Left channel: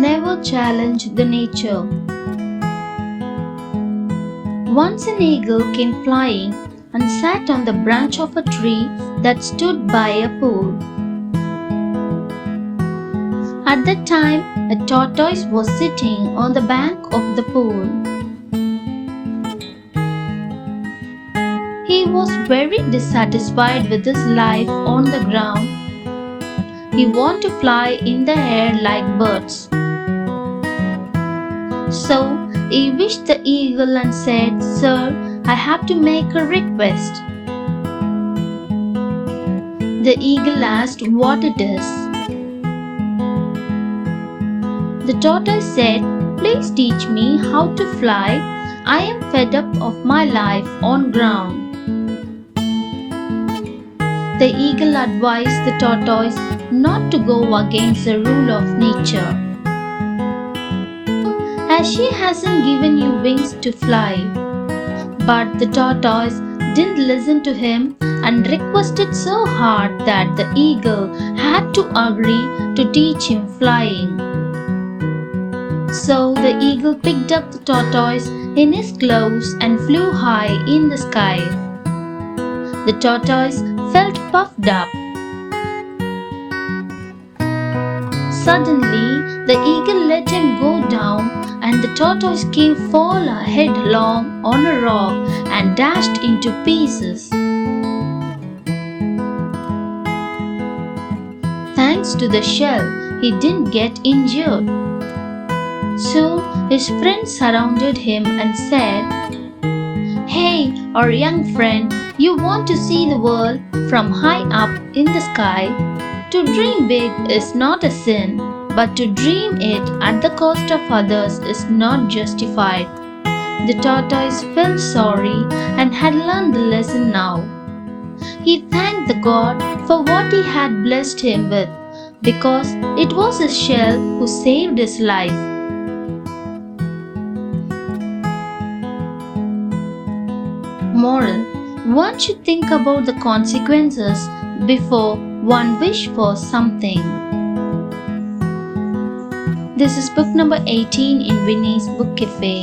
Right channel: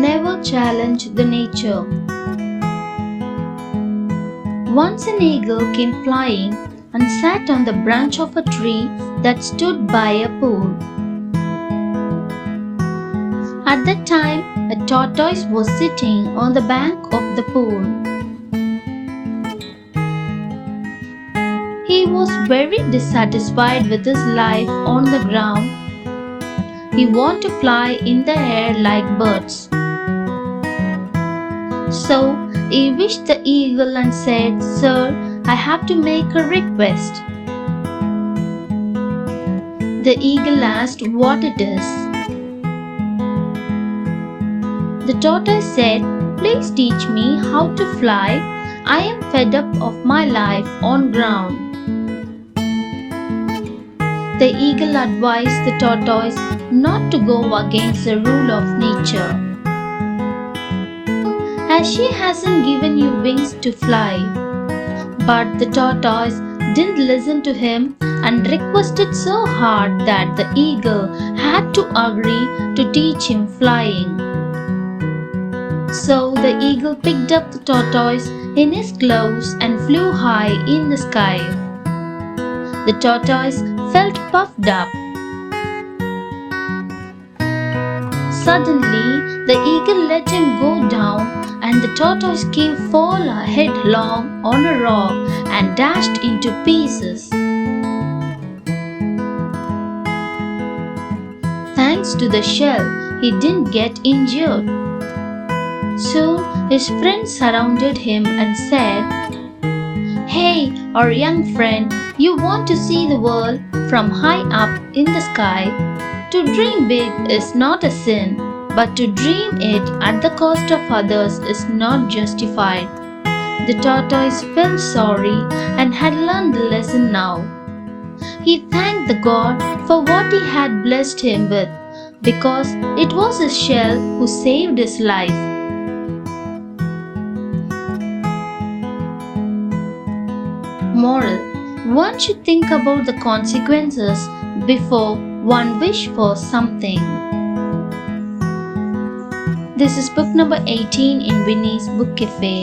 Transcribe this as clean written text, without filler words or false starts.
Never challenge the nature. Once an eagle came flying and sat on the branch of a tree that stood by a pool. At that time, a tortoise was sitting on the bank of the pool. He was very dissatisfied with his life on the ground. He wanted to fly in the air like birds. So he wished the eagle and said, "Sir, I have to make a request." The eagle asked what it is. The tortoise said, "Please teach me how to fly. I am fed up of my life on ground." The eagle advised the tortoise not to go against the rule of nature, as she hasn't given you wings to fly. But the tortoise didn't listen to him and requested so hard that the eagle had to agree to teach him flying. So the eagle picked up the tortoise in his claws and flew high in the sky. The tortoise felt puffed up. Suddenly, the eagle let him go down, and the tortoise came fall headlong on a rock and dashed into pieces. Thanks to the shell, he didn't get injured. Soon his friends surrounded him and said, "Hey, our young friend, you want to see the world from high up in the sky? To dream big is not a sin, but to dream it at the cost of others is not justified." The tortoise felt sorry and had learned the lesson now. He thanked the God for what he had blessed him with, because it was his shell who saved his life. Moral: one should think about the consequences before one wish for something. This is book number 18 in Winnie's Book Cafe.